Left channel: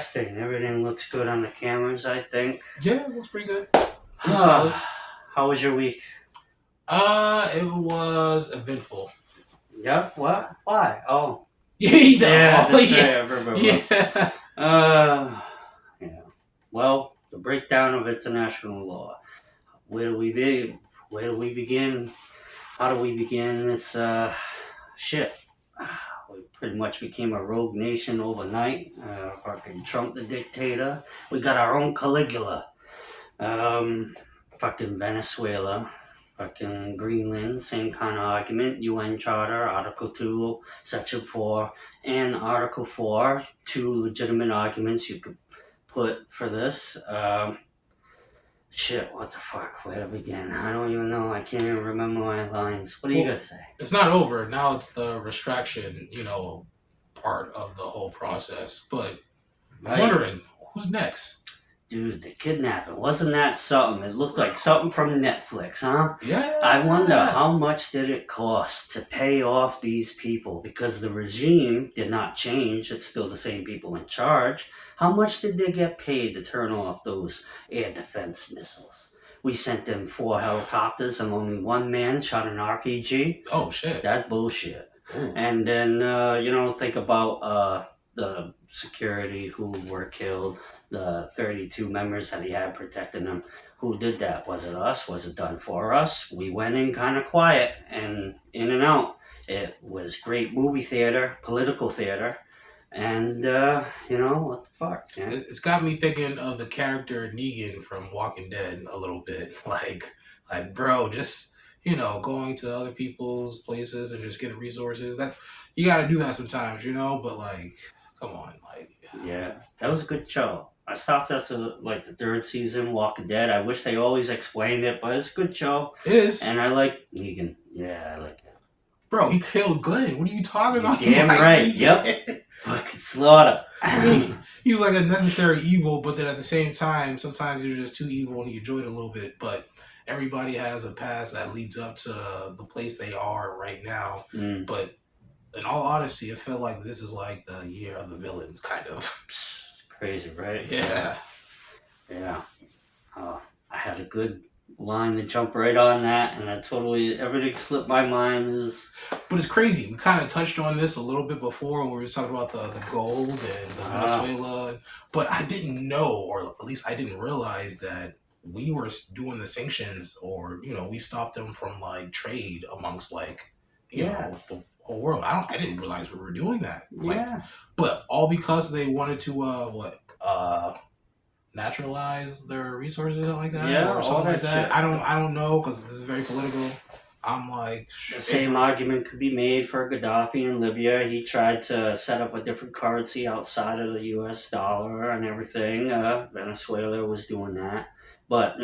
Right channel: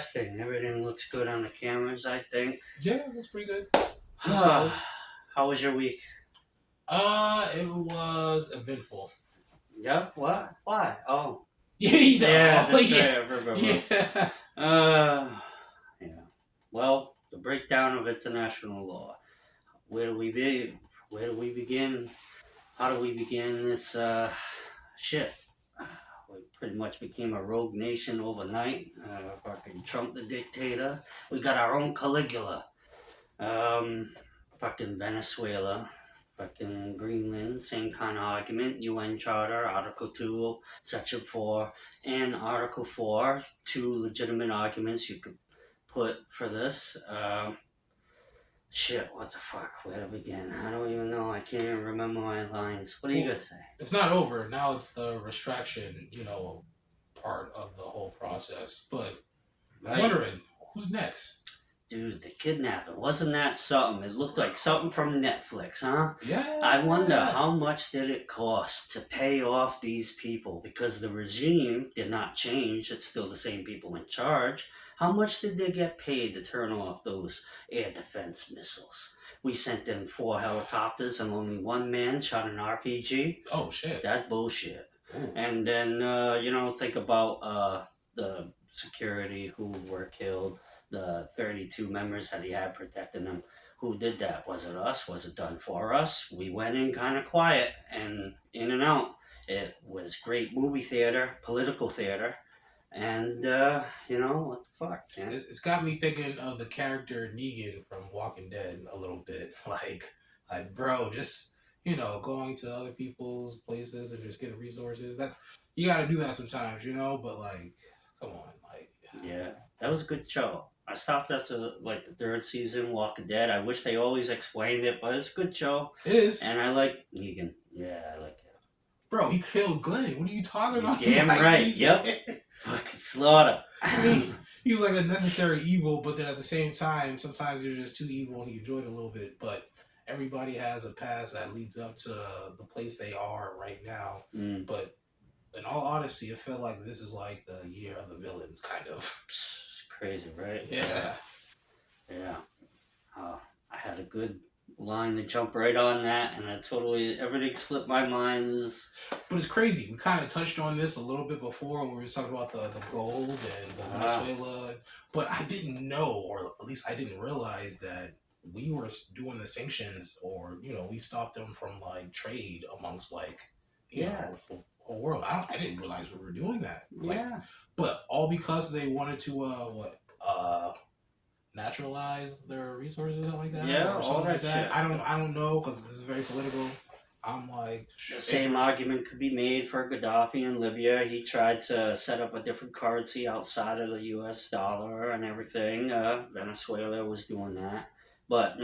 Testing. Everything looks good on the cameras, I think. Yeah, it was pretty good. Pretty solid. How was your week? It was eventful. Yep. What? Why? Oh, Yeah, he's yeah, oh that's yeah, right. I remember. yeah. Uh, yeah. Well, the breakdown of international law. Where do we be? Where do we begin? How do we begin? It's shit. We pretty much became a rogue nation overnight. Fucking Trump the dictator. We got our own Caligula. Um, fucking Venezuela, fucking Greenland, same kind of argument. UN Charter, Article 2, Section 4, and Article 4, two legitimate arguments you could put for this. Shit, what the fuck? Where to begin? I don't even know. I can't even remember my lines. What do you Well, got to say? it's not over now. It's the restriction, part of the whole process. But I'm Right? wondering who's next. Dude, the kidnapping. Wasn't that something? It looked like something from Netflix, huh? I wonder Yeah. how much did it cost to pay off these people because the regime did not change. It's still the same people in charge. How much did they get paid to turn off those air defense missiles? We sent them four helicopters and only one man shot an RPG. Oh shit. That bullshit. Ooh. And then, think about the security who were killed, the 32 members that he had protecting them. Who did that? Was it us? Was it done for us? We went in kind of quiet and in and out. It was great movie theater, political theater, and, what the fuck, man? It's got me thinking of the character Negan from Walking Dead a little bit. Like, bro, just going to other people's places and just getting resources. That you got to do that sometimes, But like, come on, like, Yeah, that was a good show. I stopped up to like the third season, Walking Dead. I wish they always explained it, but it's a good show. it is, And I like Negan. Yeah, I like it. bro. He killed Glenn. What are you talking You about? You damn like right. Yep. Negan? Fucking slaughter. I mean, he was like a necessary evil, but then at the same time, sometimes you're just too evil and you enjoy it a little bit. But everybody has a past that leads up to the place they are right now. Mm, But in all honesty, it felt like this is like the year of the villains, kind of. it's crazy, right? Yeah. Yeah. I had a good line to jump right on that, and everything slipped my mind. Is But it's crazy. We kind of touched on this a little bit before when we were talking about the gold and the ah, Venezuela. But I didn't know, or at least I didn't realize that we were doing the sanctions, or we stopped them from like trade amongst like yeah, the whole world. I didn't realize we were doing that. Like, yeah, but all because they wanted to naturalize their resources or something like that, yeah, or all something like that that. shit. I don't know because this is very political. I'm like, The same argument could be made for Gaddafi in Libya. He tried to set up a different currency outside of the U.S. dollar and everything. Venezuela was doing that, but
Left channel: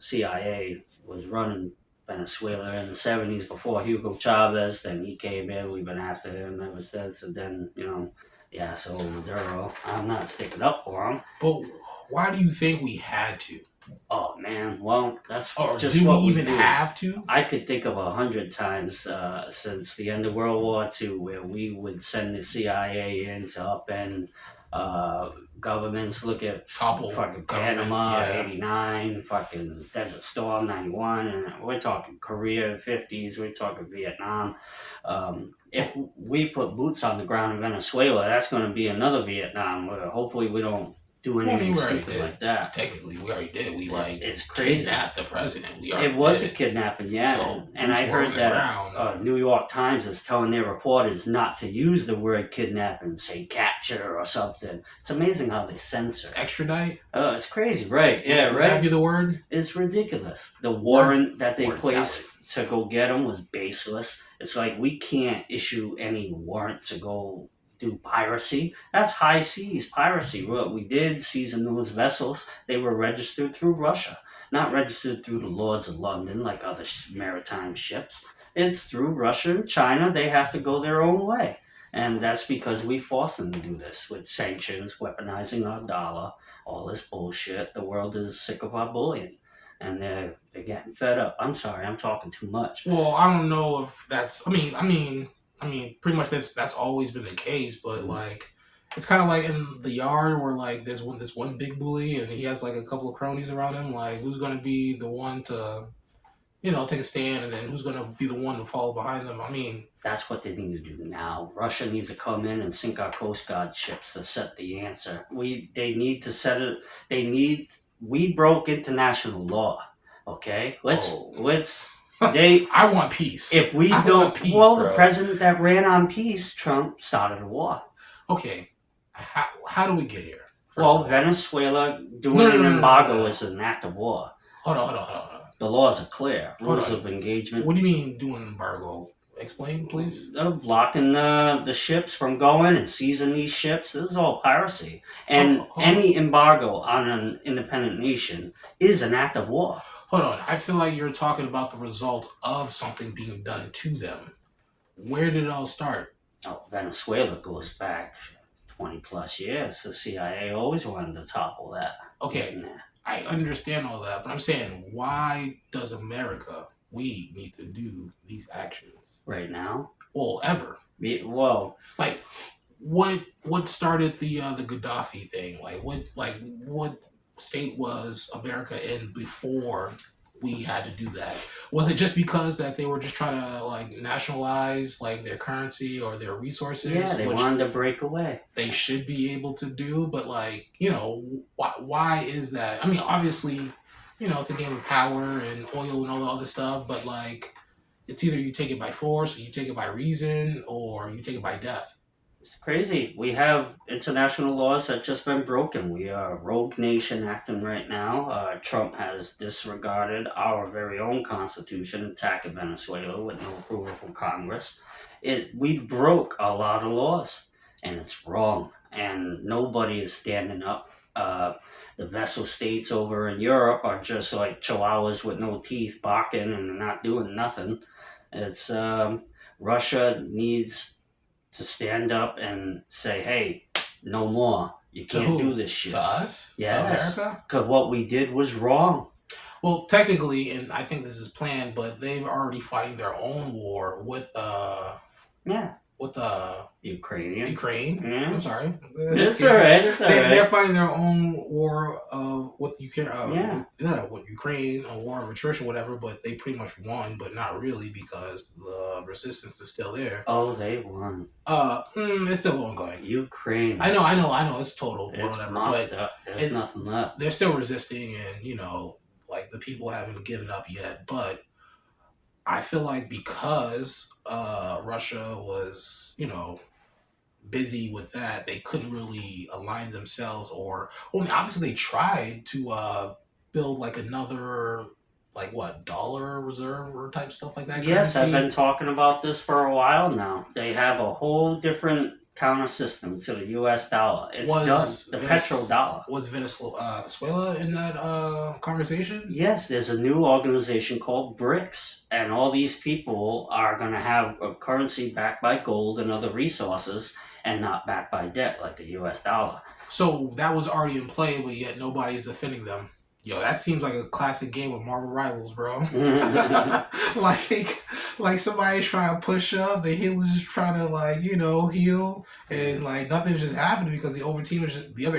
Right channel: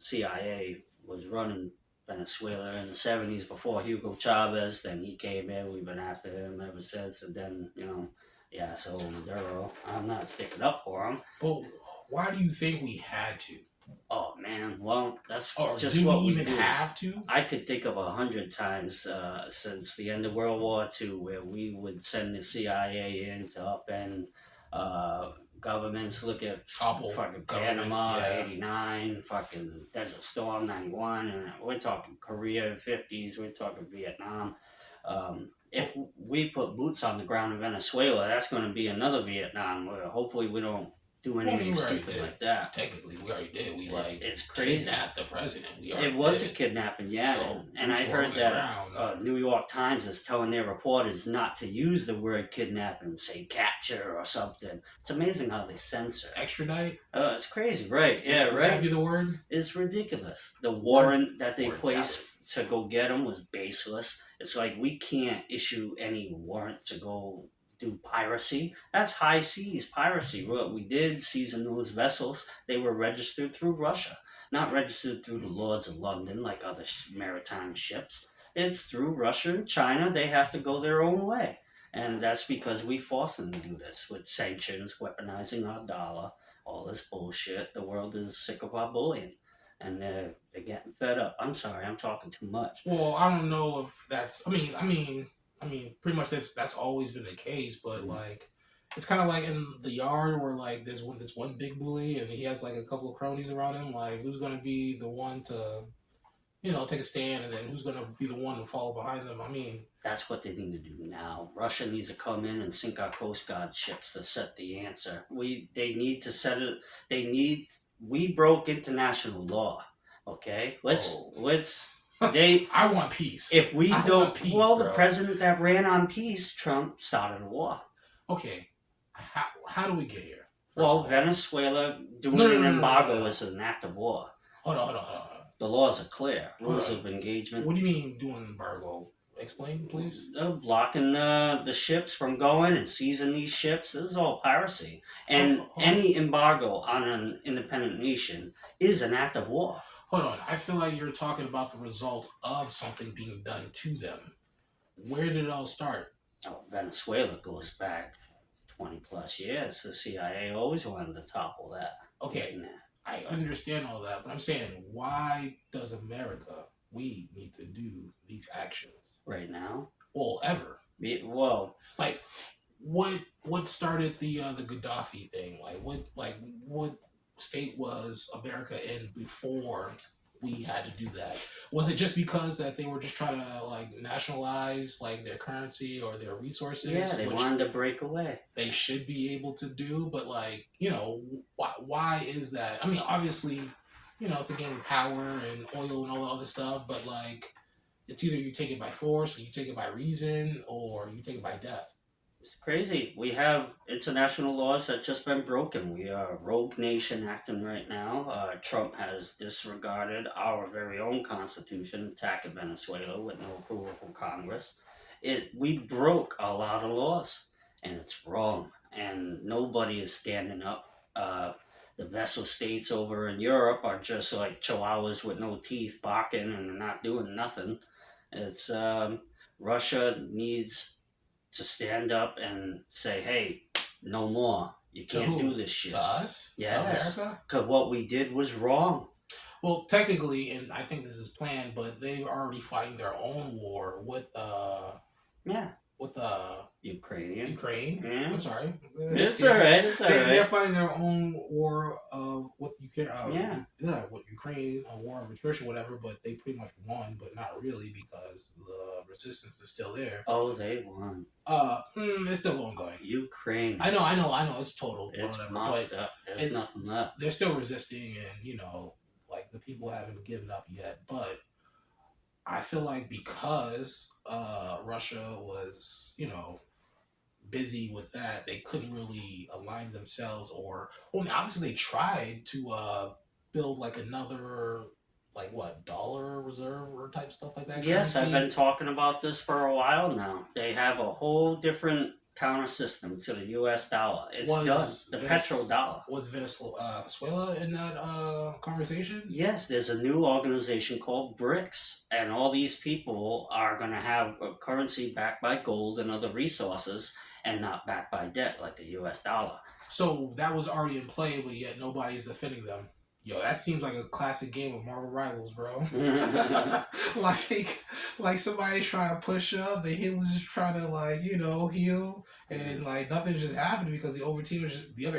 CIA was running Venezuela in the '70s before Hugo Chavez. Then he came in. We've been after him ever since. And then yeah. So Maduro, I'm not sticking up for him. but why do you think we had to? Oh man, well that's Or just do we what we even do. have to? I could think of 100 times since the end of World War II where we would send the CIA in to upend governments. Look at Topple fucking governments, Panama yeah. '89, fucking Desert Storm '91, and we're talking Korea '50s. We're talking Vietnam. If we put boots on the ground in Venezuela, that's going to be another Vietnam. Where hopefully we don't do Well, I mean, anything we already stupid did. like that. Technically, we already did. We like It's crazy. kidnapped the president. We It already was a did. kidnapping, yeah. So And boots I were heard on the that ground. New York Times is telling their reporters not to use the word kidnapping, say capture or something. It's amazing how they censor. Extradite. Oh, it's crazy, right? Yeah, Would that right. be the word? It's ridiculous. The Word. warrant that they Word placed salad. to go get him was baseless. It's like we can't issue any warrant to go do piracy. That's high seas piracy. What we did, seizing those vessels, they were registered through Russia, not registered through the Lords of London like other maritime ships. It's through Russia and China. They have to go their own way. And that's because we forced them to do this with sanctions, weaponizing our dollar, all this bullshit. The world is sick of our bullying and they're getting fed up. I'm sorry, I'm talking too much. Well, I don't know if that's. I mean, pretty much that's always been the case. But like, It's kind of like in the yard where like there's this one big bully and he has like a couple of cronies around him. Like who's gonna be the one to take a stand, and then who's gonna be the one to follow behind them? I mean, That's what they need to do now. Russia needs to come in and sink our Coast Guard ships to set the answer. They need to set it. We broke international law. Okay, oh, they I want peace. if we I don't. want peace, Well, the bro. president that ran on peace, Trump, started a war. Okay, how do we get here? Well, Venezuela doing No, no, an no, no, embargo no. is an act of war. Hold on. The laws are clear. Hold Rules on. of engagement. What do you mean doing an embargo? Explain, please. Blocking the ships from going and seizing these ships. This is all piracy. And Hold on. any embargo on an independent nation is an act of war. Hold on. I feel like you're talking about the result of something being done to them. Where did it all start? Oh, Venezuela goes back 20 plus years. The CIA always wanted to topple that. Okay, Nah. I understand all that, but I'm saying, why does America, we need to do these actions? Right now? Well, ever. Well, Like, what started the Gaddafi thing? What state was America in before we had to do that? Was it just because that they were just trying to like nationalize like their currency or their resources, yeah, they which wanted to break away. they should be able to do? But like, why is that? I mean, obviously, to gain power and oil and all the other stuff, but like, it's either you take it by force, or you take it by reason, or you take it by death. It's crazy. We have international laws that just been broken. We are a rogue nation acting right now. Trump has disregarded our very own constitution, attacking Venezuela with no approval from Congress. We broke a lot of laws, and it's wrong. And nobody is standing up. The vessel states over in Europe are just like chihuahuas with no teeth, barking and not doing nothing. It's Russia needs to stand up and say, "Hey, no more. You To can't do who? this shit." To us? Yes, To America? because what we did was wrong. Well, technically, and I think this is planned, but they're already fighting their own war with Yeah, with Ukrainian. Ukraine. Yeah, I'm sorry. it's alright. It's They're alright. fighting their own war with Ukraine. Yeah. With Ukraine, a war of attrition, whatever. But they pretty much won, but not really because the resistance is still there. Oh, they won. It's still ongoing. Ukraine. I know. It's total, It's whatever. mopped But up. There's nothing left. they're still resisting, and like the people haven't given up yet. But I feel like because Russia was, busy with that, they couldn't really align themselves, or well, I mean, obviously they tried to build like another like what dollar reserve or type stuff like that. Yes, I've Currency been talking about this for a while now. They have a whole different counter system to the U.S. dollar. It's was done. The petrodollar. was Venezuela in that conversation? Yes, there's a new organization called BRICS, and all these people are going to have a currency backed by gold and other resources and not backed by debt like the US dollar. So that was already in play, but yet nobody's defending them. Yo, that seems like a classic game of Marvel Rivals, bro. like somebody's trying to push up, the healer's just trying to heal, and like nothing's just happening because the other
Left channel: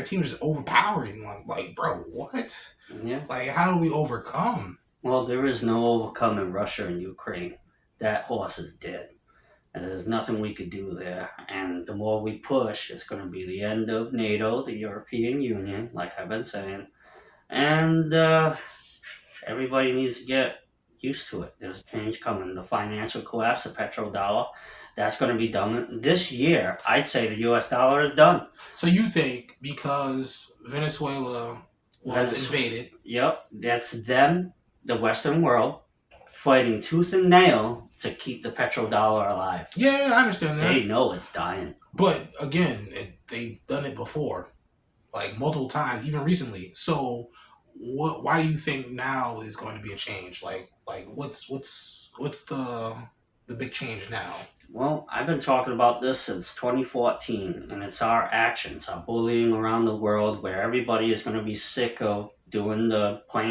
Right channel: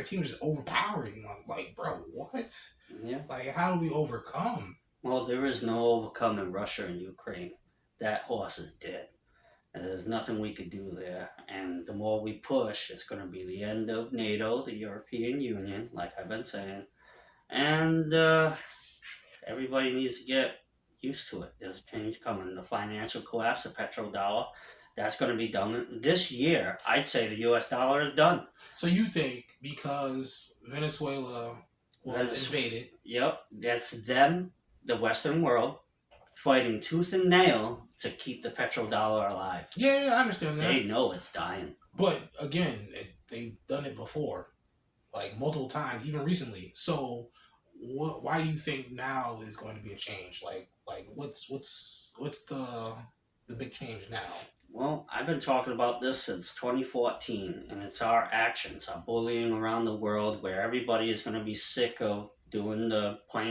team is just overpowering. Like, bro, what? Yeah. Like, how do we overcome? Well, there is no overcoming Russia and Ukraine. That horse is dead. And there's nothing we could do there. And the more we push, it's going to be the end of NATO, the European Union, like I've been saying. And everybody needs to get used to it. There's a change coming. The financial collapse, the petrodollar, that's going to be done this year. I'd say the U.S. dollar is done. So you think because Venezuela was invaded? Yep, that's them, the Western world, fighting tooth and nail to keep the petrodollar alive. Yeah, I understand that. They know it's dying. But again, they've done it before, like multiple times, even recently. So, why do you think now is going to be a change? Like what's the big change now? Well, I've been talking about this since 2014, and it's our actions, our bullying around the world, where everybody is going to be sick of playing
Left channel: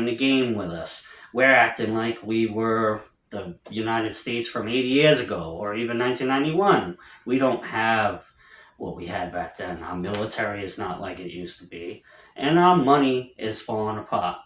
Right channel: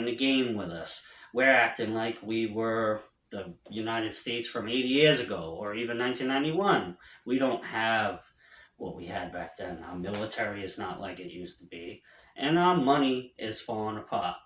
the game with us. We're acting like we were the United States from 80 years ago, or even 1991. We don't have what we had back then. Our military is not like it used to be, and our money is falling apart.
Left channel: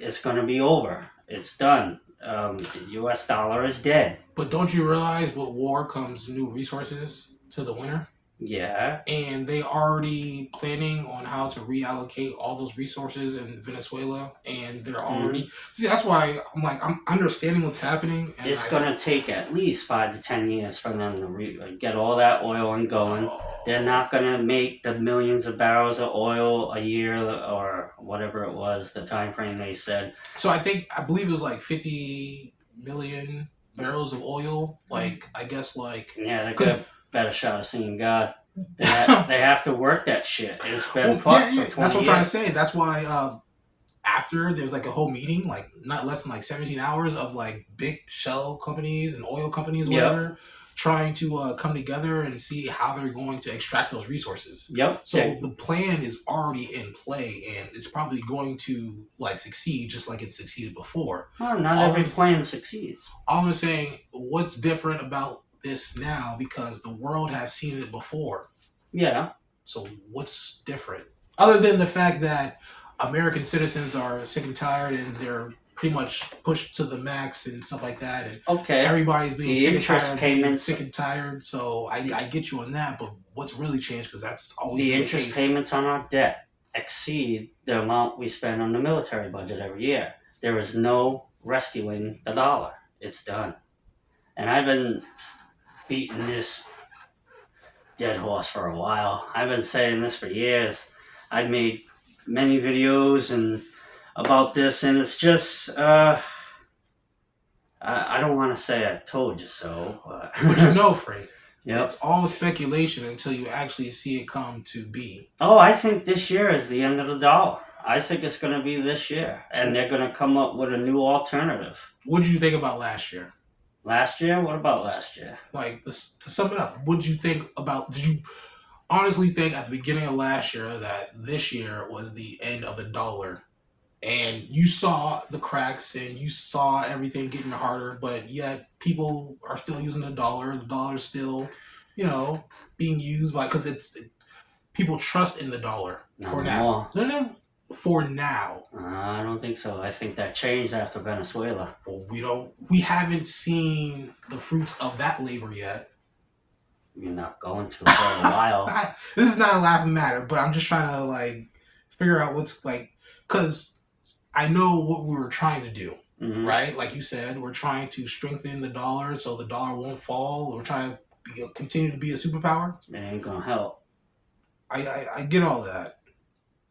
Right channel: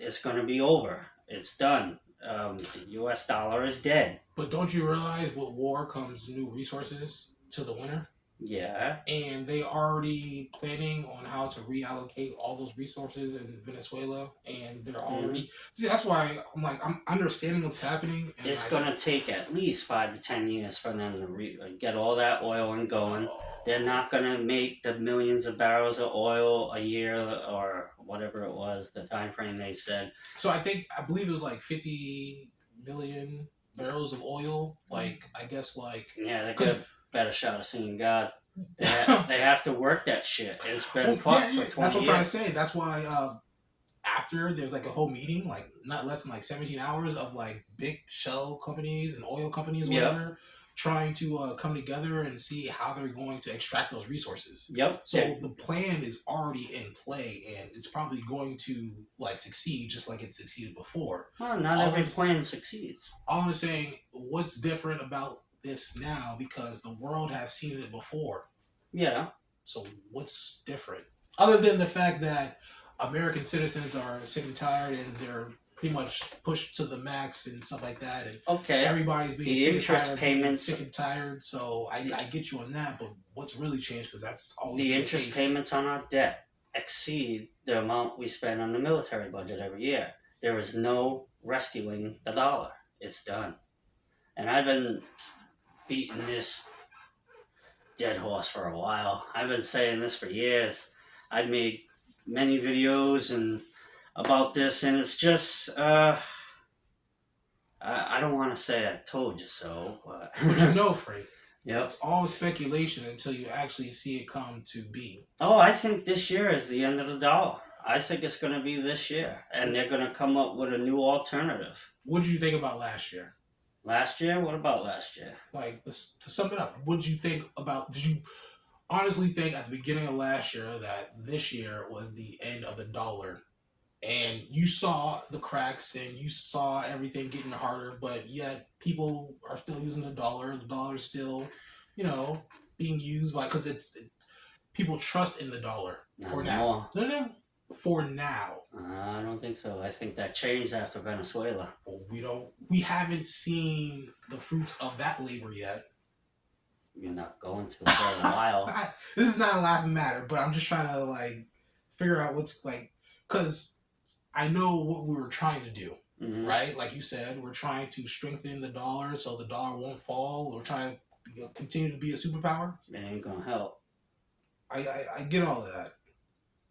It's going to be over. It's done. The U.S. dollar is dead. But don't you realize with war comes new resources to the winter? Yeah. And they already planning on how to reallocate all those resources in Venezuela, and they're already see. That's why I'm understanding what's happening. And It's going to take at least 5 to 10 years for them to get all that oil and going. They're not going to make the millions of barrels of oil a year or whatever it was, the time frame they said. So I believe it was like 50 million barrels of oil. Like I guess like Yeah, they could have better shot of seeing God. They have to work that shit. It's been fucked for 20 That's what I'm years. trying to say. That's why after there's like a whole meeting, like not less than like 17 hours of like big shell companies and oil companies, whatever, trying to come together and see how they're going to extract those resources. Yep. So the plan is already in play, and it's probably going to like succeed just like it succeeded before. Well, not every plan succeeds. All I'm saying, what's different about this now, because the world has seen it before. Yeah. So what's different? Other than the fact that American citizens are sick and tired and they're pretty much pushed to the max and stuff like that. And everybody's being the sick interest and tired, payments, sick and tired. So I get you on that, but what's really changed, because that's always the been interest case. payments on our debt exceed the amount we spend on the military budget every year. There is no rescuing the dollar. It's done. And I've been beating this dead horse for a while. I've been saying this for years. I've made many videos and about this, and it's just I don't want to say I told you so, but you know, Frank, yep. It's all speculation until you actually see it come to be. Oh, I think this year is the end of the dollar. I think it's going to be this year, and they're going to come up with a new alternative. What did you think about last year? Last year? What about last year? Like, to sum it up, what did you think about? Did you honestly think at the beginning of last year that this year was the end of the dollar? And you saw the cracks and you saw everything getting harder, but yet people are still using the dollar. The dollar is still, being used because people trust in the dollar for now. No, for now. I don't think so. I think that changed after Venezuela. Well, we haven't seen the fruits of that labor yet. You're not going to for a while. This is not a laughing matter, but I'm just trying to figure out what's because I know what we were trying to do, right? Like you said, we're trying to strengthen the dollar so the dollar won't fall. We're trying to continue to be a superpower. It ain't gonna help. I get all that.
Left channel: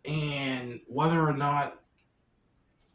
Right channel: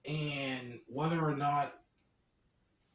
And whether or not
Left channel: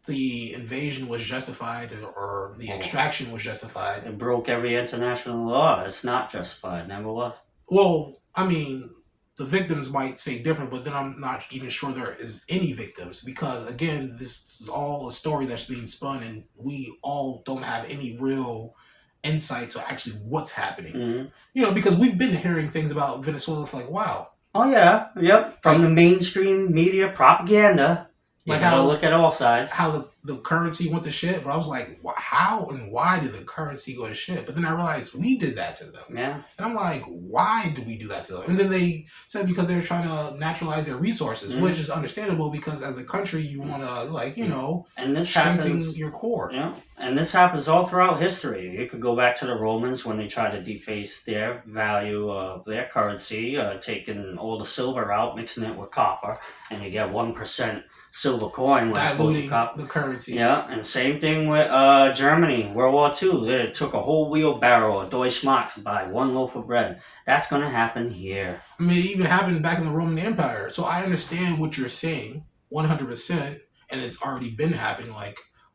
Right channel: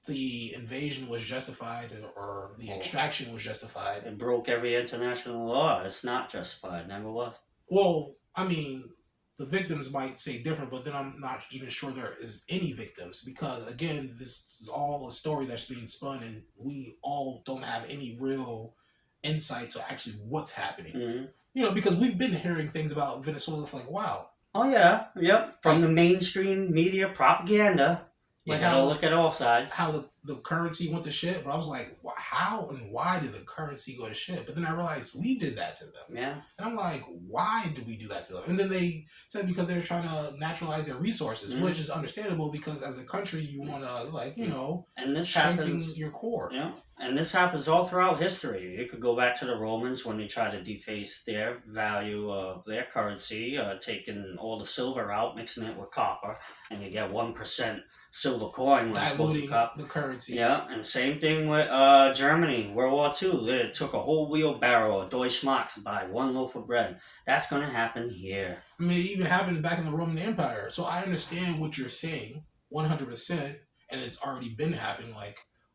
the invasion was justified or the extraction was justified. It broke every international law. It's not justified. It never was. Well, I mean, the victims might say different, but then I'm not even sure there is any victims because, again, this is all a story that's being spun and we all don't have any real insight to actually what's happening. Because we've been hearing things about Venezuela for wow. Oh, yeah. Yep. From the mainstream media propaganda. You gotta look at all sides. How the currency went to shit, but I was like, how and why did the currency go to shit? But then I realized we did that to them. Yeah. And I'm like, why did we do that to them? And then they said because they were trying to naturalize their resources, which is understandable because as a country you want to and this strengthen happens, your core. Yeah. And this happens all throughout history. You could go back to the Romans when they tried to deface their value of their currency, taking all the silver out, mixing it with copper, and you get 1% silver coin when it's supposed to copper. The currency. Yeah, and same thing with Germany, World War II. They took a whole wheelbarrow of Deutschmarks to buy one loaf of bread. That's going to happen here. I mean, it even happened back in the Roman Empire. So I understand what you're saying, 100%, and it's already been happening.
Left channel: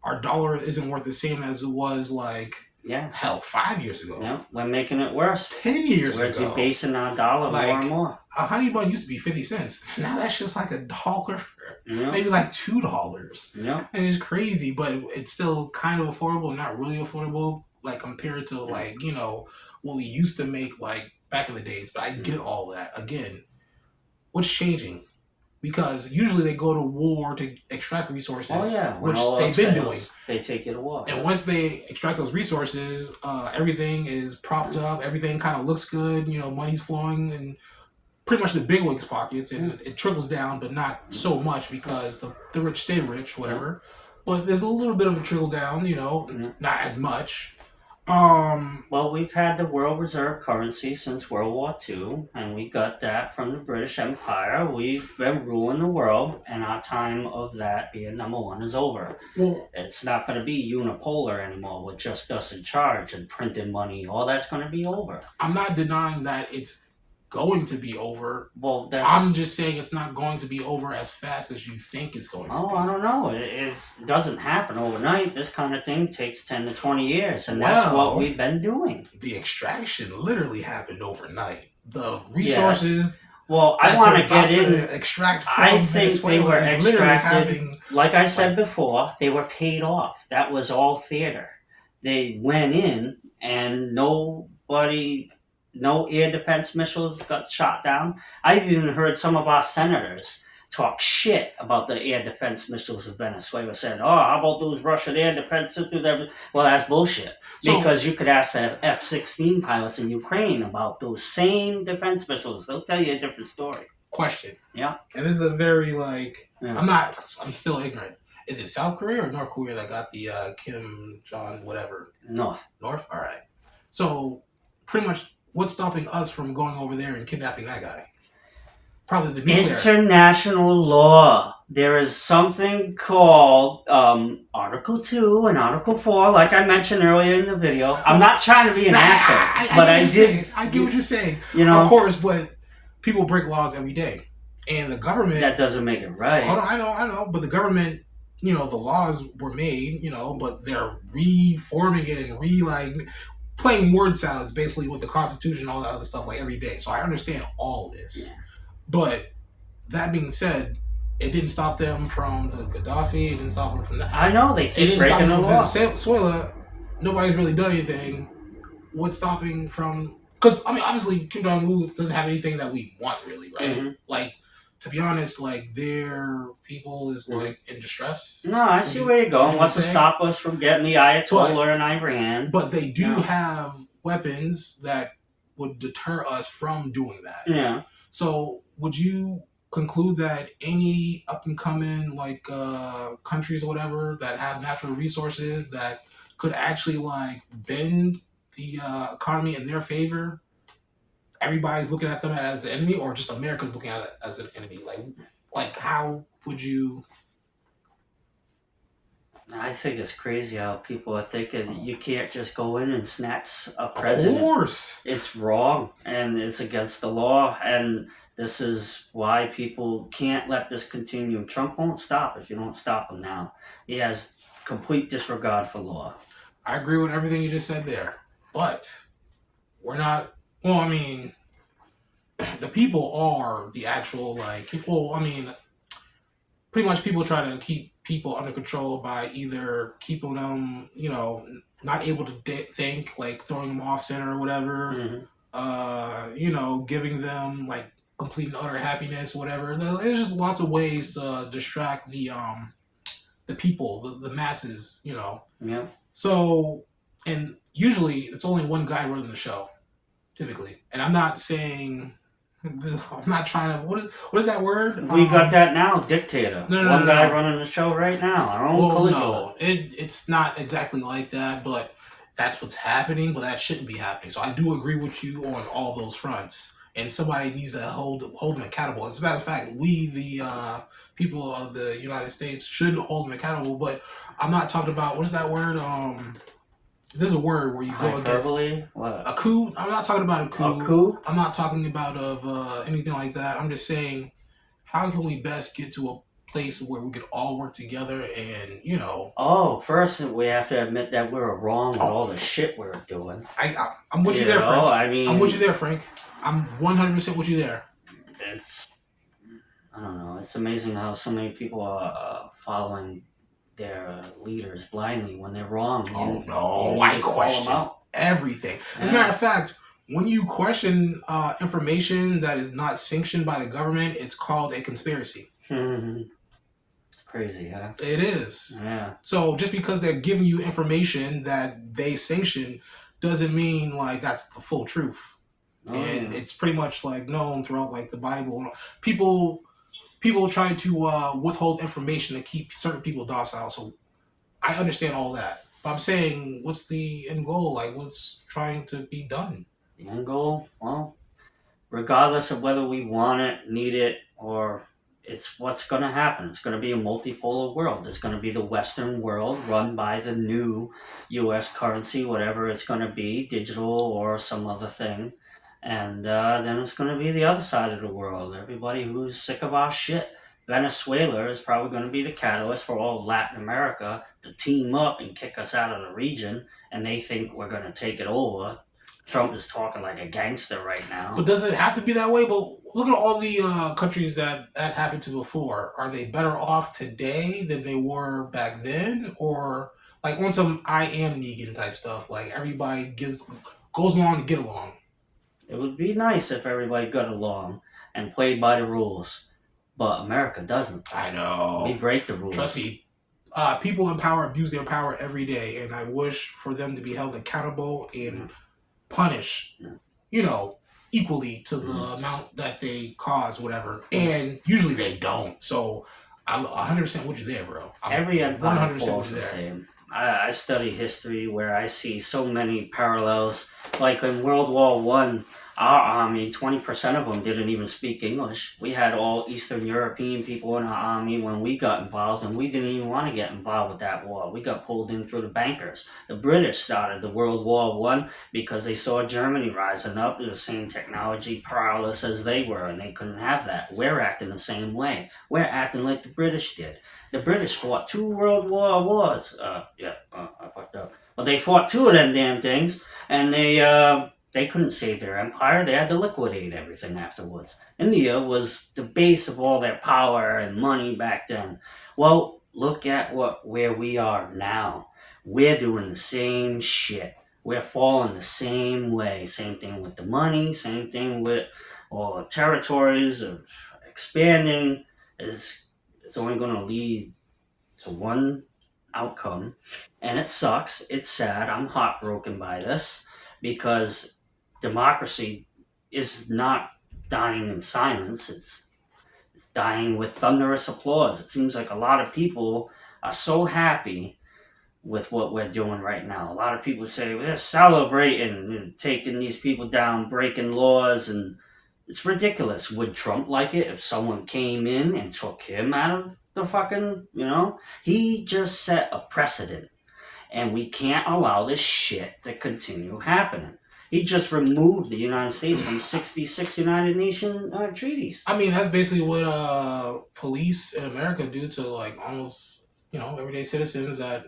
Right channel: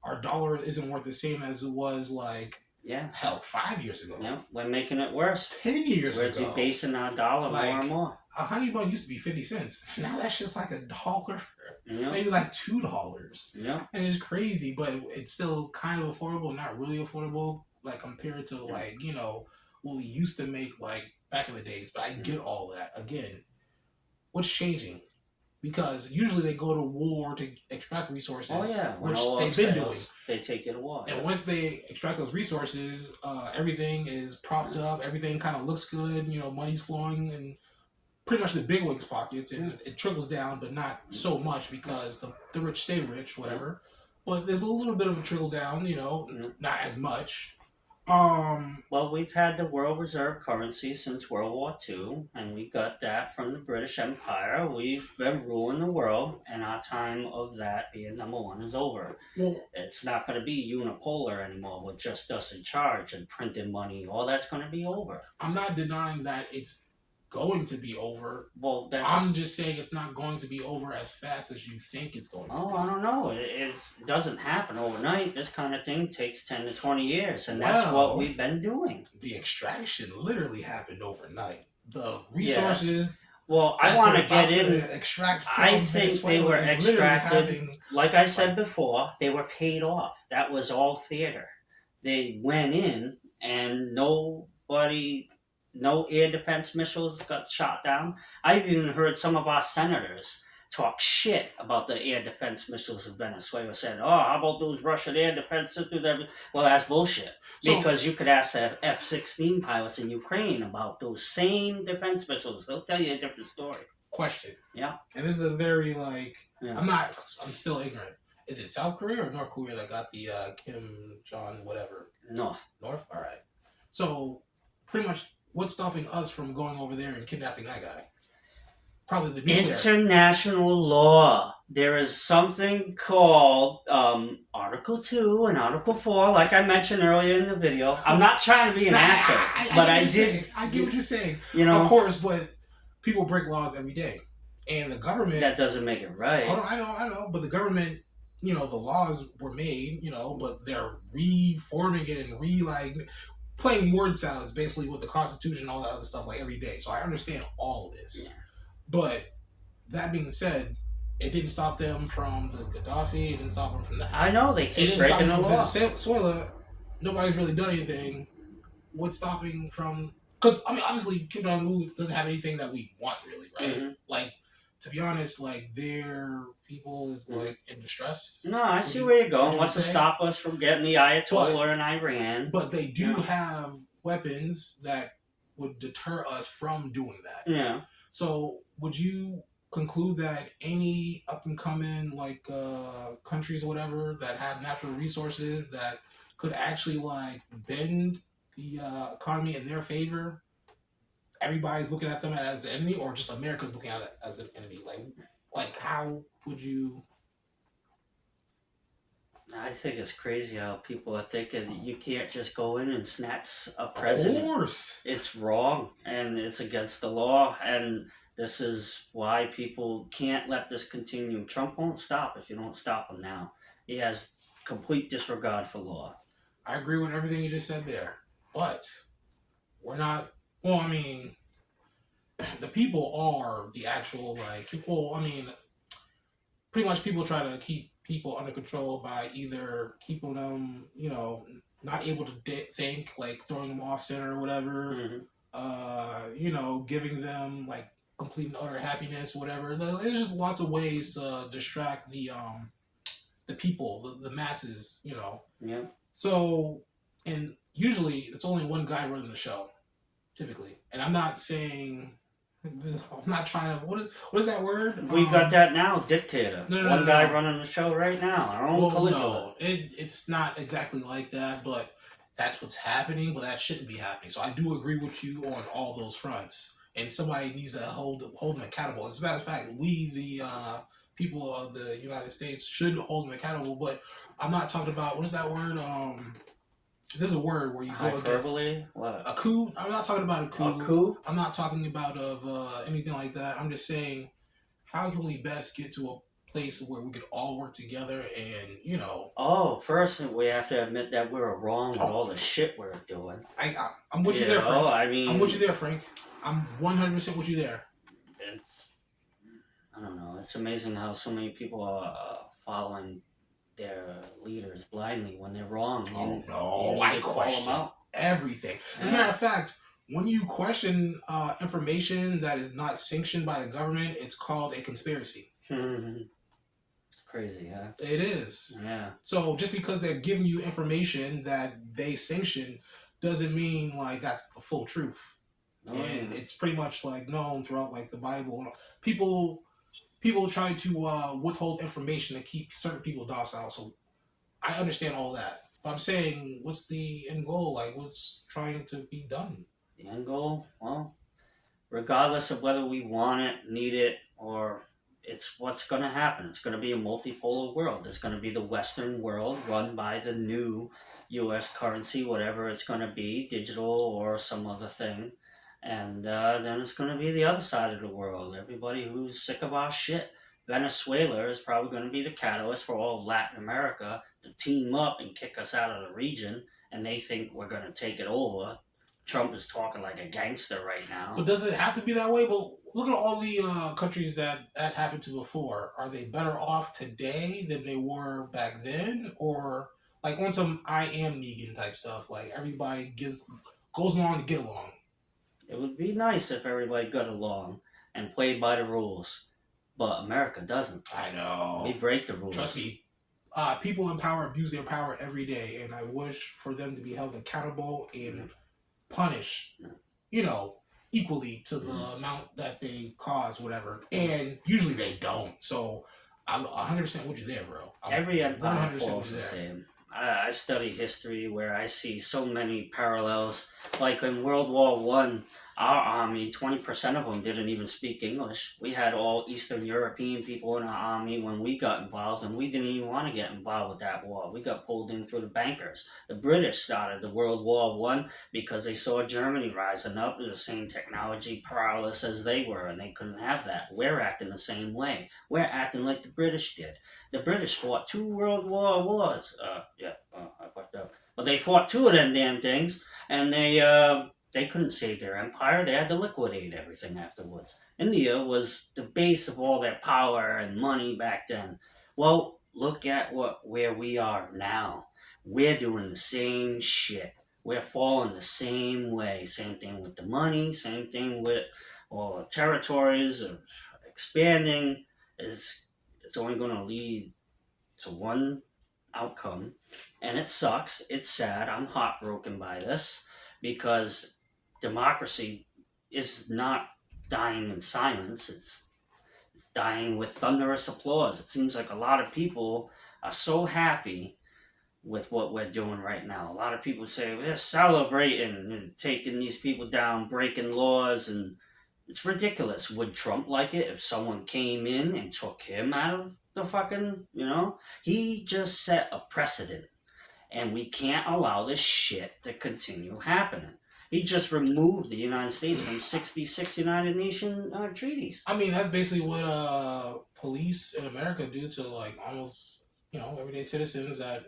Our dollar isn't worth the same as it was 5 years ago. Yeah, we're making it worse. 10 years ago. We're debasing our dollar more and more. A honey bun used to be 50 cents. Now that's just $1. Yeah. Maybe $2. Yeah. And it's crazy, but it's still kind of affordable, not really affordable, compared to what we used to make back in the days. But I get all that. Again, what's changing? Because usually they go to war to extract resources, which they've been doing. They take you to war. And once they extract those resources, everything is propped up. Everything kind of looks good. Money's flowing and pretty much the bigwigs' pockets, and it trickles down, but not so much because the rich stay rich, whatever. But there's a little bit of a trickle down, not as much. Well, we've had the world reserve currency since World War II, and we got that from the British Empire. We've been ruling the world, and our time of that being number one is over. Well, It's not going to be unipolar anymore with just us in charge and printing money. All that's going to be over. I'm not denying that it's going to be over. Well, I'm just saying it's not going to be over as fast as you think it's going to be. I don't know. It doesn't happen overnight. This kind of thing takes 10 to 20 years, and that's what we've been doing. The extraction literally happened overnight. The resources. Well, I want to get in. Extract from I think Venezuela they were is literally extracted. Like I said before, they were paid off. That was all theater. They went in, and no air defense missiles got shot down. I've even heard some of our senators talk shit about the air defense missiles of Venezuela, saying, "Oh, how about those Russian air defense systems?" Well, that's bullshit. Because you could ask the F-16 pilots in Ukraine about those same defense missiles. They'll tell you a different story. Question. Yeah. And this is a very I'm still ignorant. Is it South Korea or North Korea that got the Kim Jong whatever? North. All right. So pretty much, what's stopping us from going over there and kidnapping that guy? Probably the nuclear. International law. There is something called Article 2 and Article 4, like I mentioned earlier in the video. I'm not trying to be an asshole, but I did. I get what you're saying. Of course, but people break laws every day. And the government... That doesn't make it right. Hold on, I know. But the government, the laws were made, but they're reforming it and playing word salads basically with the Constitution and all that other stuff every day. So I understand all this. Yeah. But that being said, it didn't stop them from the Gaddafi. It didn't stop them from that. I know, they keep breaking the law. Venezuela, nobody's really done anything. What's stopping from... Because, obviously, Kim Jong-un doesn't have anything that we want, really, right? Mm-hmm. To be honest, their people is, in distress. No, I see where you're going. What's to stop us from getting the Ayatollah in Iran? But they do have weapons that would deter us from doing that. Yeah. So, would you conclude that any up-and-coming, countries or whatever that have natural resources that could actually, bend the economy in their favor, everybody's looking at them as an enemy, or just America's looking at it as an enemy? How would you... I think it's crazy how people are thinking you can't just go in and snatch a president. Of course. It's wrong, and it's against the law, and this is why people can't let this continue. Trump won't stop if you don't stop him now. He has complete disregard for law. I agree with everything you just said there, but we're not... Well, the people are the actual, people, pretty much people try to keep people under control by either keeping them, not able to think, throwing them off center or whatever, giving them, complete and utter happiness, whatever. There's just lots of ways to distract the people, the masses, Yeah. So, and usually it's only one guy running the show. Typically. And I'm not saying... I'm not trying to... What is that word? We got that now, dictator. One guy no. running the show right now. Our own Caligula. No, it's not exactly like that, but that's what's happening, but that shouldn't be happening. So I do agree with you on all those fronts. And somebody needs to hold them accountable. As a matter of fact, we, the people of the United States, should hold them accountable, but I'm not talking about... What is that word? There's a word where you go against what? A coup. I'm not talking about a coup. A coup? I'm not talking about anything like that. I'm just saying, how can we best get to a place where we can all work together and, Oh, first we have to admit that we're wrong with all the shit we're doing. I'm with you there, Frank. I'm with you there, Frank. I'm 100% with you there. I don't know. It's amazing how so many people are following their leaders blindly when they're wrong. I question everything. As a matter of fact, when you question information that is not sanctioned by the government, it's called a conspiracy. It's crazy, huh? It is. Yeah. So just because they're giving you information that they sanction doesn't mean that's the full truth. Oh, and yeah. it's pretty much like known throughout like the Bible. People try to withhold information to keep certain people docile. So I understand all that, but I'm saying, what's the end goal? Like, what's trying to be done? The end goal, well, regardless of whether we want it, need it, or it's what's going to happen. It's going to be a multipolar world. It's going to be the Western world run by the new U.S. currency, whatever it's going to be, digital or some other thing. And then it's going to be the other side of the world. Everybody who's sick of our shit. Venezuela is probably going to be the catalyst for all of Latin America to team up and kick us out of the region. And they think we're going to take it over. Trump is talking like a gangster right now. But does it have to be that way? But look at all the countries that happened to before. Are they better off today than they were back then, or like on some I am Negan type stuff? Like everybody goes along to get along. It would be nice if everybody got along and played by the rules, but America doesn't. I We know. break the rules. Trust me. People in power abuse their power every day, and I wish for them to be held accountable and punished, Yeah. you know, equally to the amount that they cause, whatever. And usually they don't. So I'm 100% with you there, bro. I'm Every empire 100% falls with the you there. same. I study history where I see so many parallels. Like in World War One, our army, 20% of them didn't even speak English. We had all Eastern European people in our army when we got involved, and we didn't even want to get involved with that war. We got pulled in through the bankers. The British started the World War One because they saw Germany rising up with the same technology prowess as they were, and they couldn't have that. We're acting the same way. We're acting like the British did. The British fought 2 World Wars. I fucked up. But they fought 2 of them damn things, and they couldn't save their empire. They had to liquidate everything afterwards. India was the base of all their power and money back then. Well, look at where we are now. We're doing the same shit. We're falling the same way. Same thing with the money. Same thing with all territories expanding. Is It's only going to lead to one outcome, and it sucks. It's sad. I'm heartbroken by this because democracy is not dying in silence. It's dying with thunderous applause. It seems like a lot of people are so happy with what we're doing right now. A lot of people say we're celebrating, taking these people down, breaking laws, and it's ridiculous. Would Trump like it if someone came in and took him out of the fucking, He just set a precedent, and we can't allow this shit to continue happening. He just removed the United States from 66 United Nations treaties. I mean, that's basically what police in America do to like almost, everyday citizens that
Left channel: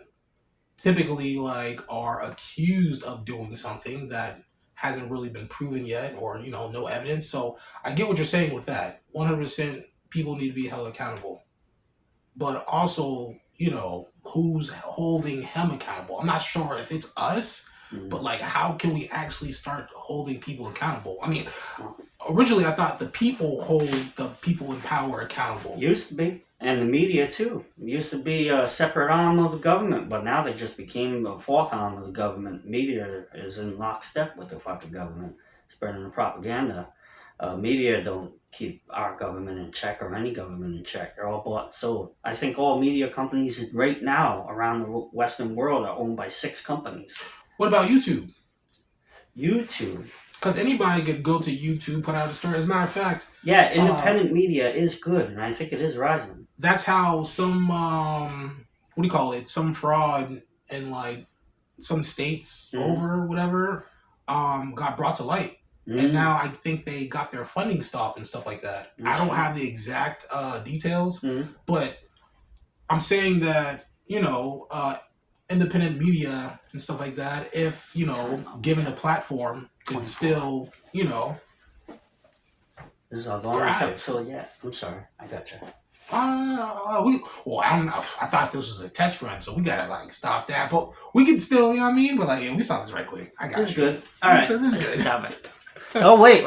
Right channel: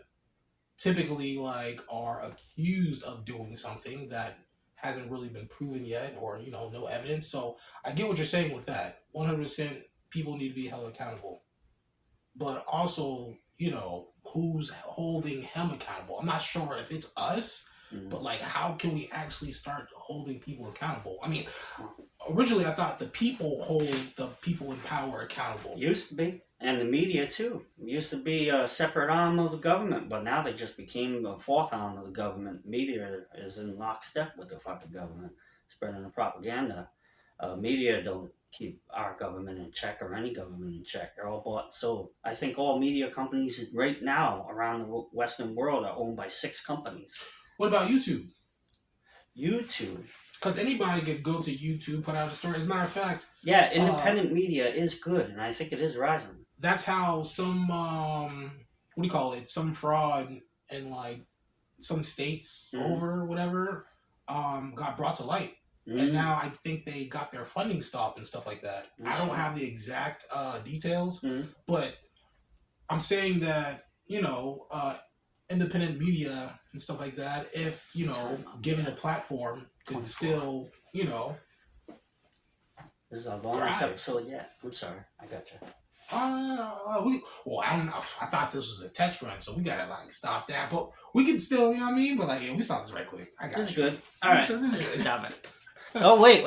typically like are accused of doing something that hasn't really been proven yet, or no evidence. So I get what you're saying with that. 100% people need to be held accountable, but also who's holding him accountable. I'm not sure if it's us, but like how can we actually start holding people accountable? I mean, originally I thought the people hold the people in power accountable. Used to be. And the media too. It used to be a separate arm of the government, but now they just became a fourth arm of the government. Media is in lockstep with the fucking government, spreading the propaganda. Media don't keep our government in check or any government in check. They're all bought and sold. I think all media companies right now around the Western world are owned by 6 companies. What about YouTube? YouTube. Because anybody could go to YouTube, put out a story. As a matter of fact, yeah, independent media is good, and I think it is rising. That's how some some fraud in like some states over whatever got brought to light. And now I think they got their funding stopped and stuff like that. I don't have the exact details, but I'm saying that independent media and stuff like that, if given a platform, could still This is our longest episode yet. I'm sorry, I gotcha. I don't know. I thought this was a test run, so we gotta like stop that. But we can still, you know what I mean? But like, yeah, we saw this right quick. I got you. This is good. All right, this is good. Stop it. Oh wait.